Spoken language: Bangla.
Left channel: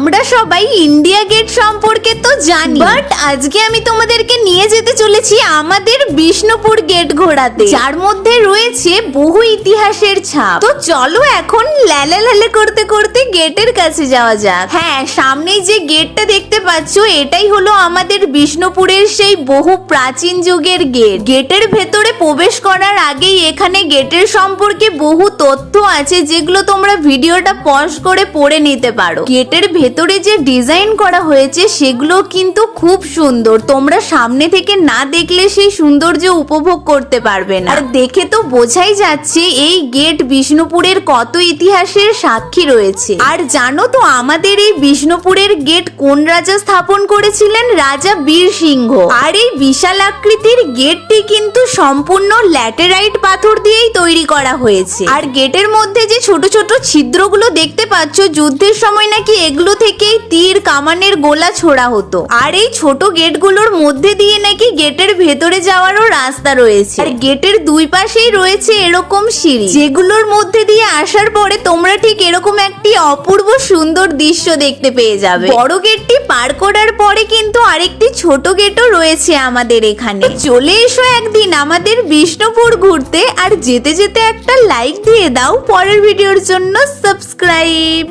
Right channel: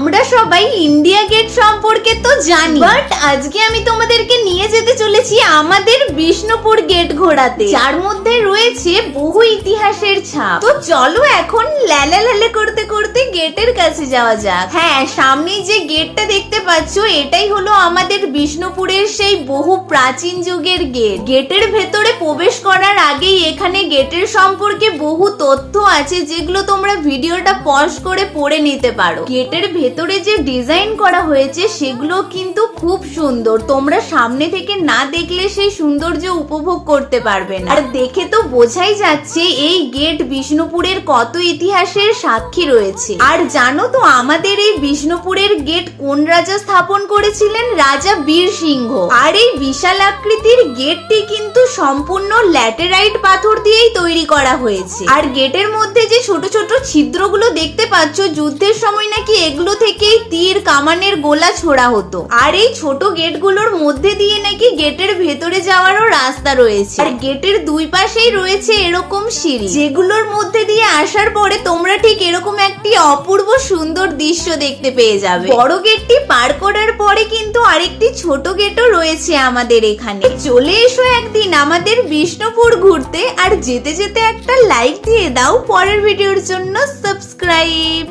আমরা সবাই ইন্ডিয়া গেট সম্পর্কে তো জানি, বাট আজকে আমি তোমাদেরকে নিয়ে যেতে চলেছি আমাদের বিষ্ণুপুর গেট ঘোরাতে, যার মধ্যে রয়েছে বহু ইতিহাসের ছাপ। তো চলো এখন ল্যালে করতে করতে গেটের কাছে যাওয়া যাক। হ্যাঁ, সামনেই যে গেটটা দেখতে পাচ্ছ এটাই হলো আমাদের বিষ্ণুপুরের সেই বহু প্রাচীন যুগের গেট। গেটের ভেতরে প্রবেশ করার আগেই এখানে গেটের সম্পর্কে বহু তথ্য আছে, যেগুলো তোমরা ভিডিওটা পজ করে পড়ে নিতে পারো। গেটের ভেতরে যে ডিজাইন করা হয়েছে সেগুলো কিন্তু খুব সুন্দর, তোমরা সামনে থেকে না দেখলে সেই সৌন্দর্য উপভোগ করতে পারবে না। আর দেখে তো বোঝাই যাচ্ছে এই গেট বিষ্ণুপুরের কত ইতিহাসের সাক্ষী রয়েছে। আর জানো তো আমাদের এই বিষ্ণুপুরের গেট কোন রাজা স্থাপন করেছিলেন? রাজা বীর সিংহ। আর এই বিশাল আকৃতির গেটটি কিন্তু সম্পূর্ণ ল্যাটেরাইট পাথর দিয়েই তৈরি করা হয়েছে। আর গেটের মধ্যে যে ছোট ছোট ছিদ্রগুলো দেখতে পাচ্ছ, যুদ্ধের সময় নাকি এগুলো থেকেই তীর কামানের গোলা ছোড়া হতো। আর এই ছোট গেটগুলোর মধ্যে দিয়ে নাকি গেটের ভেতরে যাওয়ারও রাস্তা রয়েছে। আর গেটের দুই পাশেই রয়েছে এরকম সিঁড়ি, যেগুলোর মধ্যে দিয়ে আসার পরে তোমরা ঠিক এরকম একটি অপূর্ব সুন্দর দৃশ্য দেখতে পেয়ে যাবে। বড় গেটটি পার করার পরে কিন্তু আরেকটি ছোট গেটও রয়েছে আমাদের এখানে। চলে এসো একদিন আমাদের বিষ্ণুপুর ঘুরতে, আর যেতে যেতে একটা লাইক দিয়ে দাও, পরের ভিডিওর জন্য সাবস্ক্রাইব।